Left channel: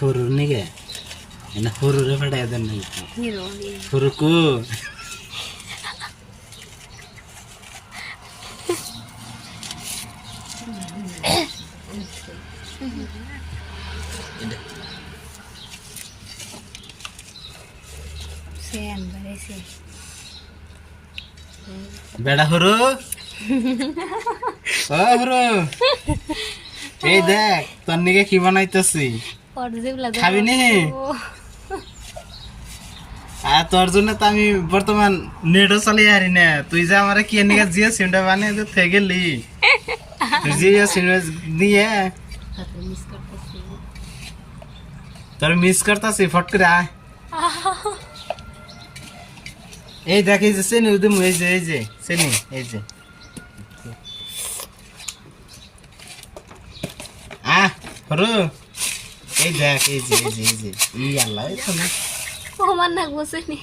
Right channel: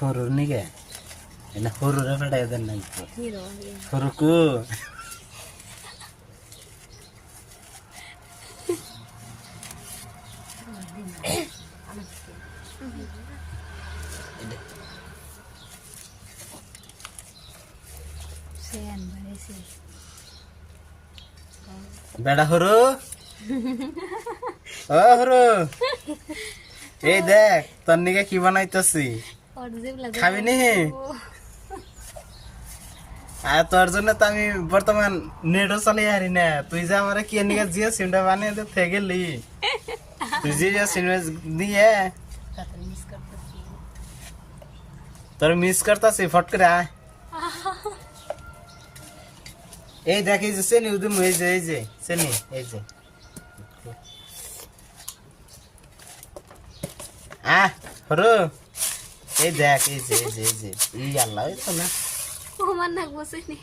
Huruf nih kayak, enak hurufnya pada ada nih itu. Hurufku. Beda huruf. Oh huruf. দেখ তোর নিকে কি বানাইতেছি খাবি নি আর তোর জন্য তো আমি বর্তমান নেটও চালিয়ে হারি না তুই যে আমার কি নিকে জিও সিমটা বানিয়ে দে থেকে গেলি তুই জিও সিম দিয়ে তোর মিস করতেছি ফট করে আয় এই দেখ এই যে চেনি উদম এই যে চেনি এই যে হরো এই দেখ এই যে ই আল্লাহ এই তো না ও মান না বসেনি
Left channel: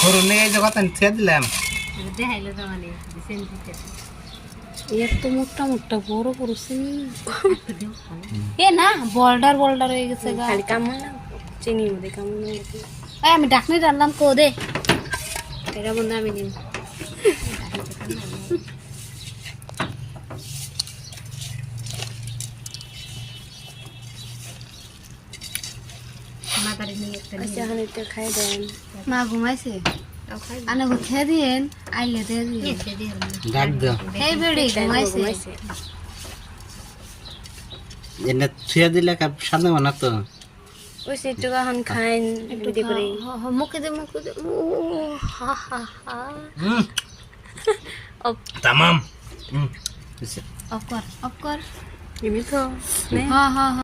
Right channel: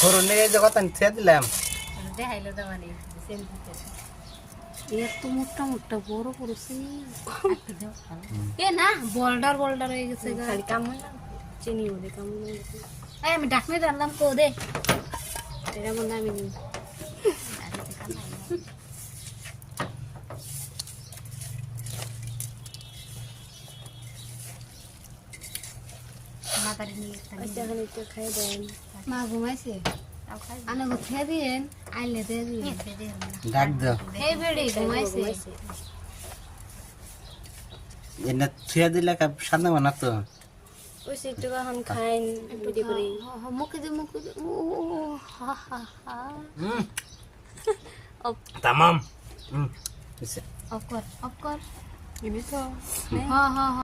হরো নে এই যে কথা ছে দিলাম দেখাইলো তো মানে সেন্টিতে এত মোটা মোটা বড় করছিস এ না বোল্ডার হয়ে গেছে গা খালি কামড় না চিনি মধ্যে কামড় না এই আমি ডাকনি ডাললাম কো দে এটা বন্ধ আমি নিন মা ঘুমাইছে আনে গুছে দিয়েন আইলে দিয়ে দিয়েন ডাক দাও এই বেড়ি ঘুমাইছে এনে ছুঁয়ে দিলে কাপ সামনে বানা তো ওই সেটু এখন খাইন একটু করে মুখে দে ও হা হা হা tamam অফ কর এমনি তো হ্যাঁ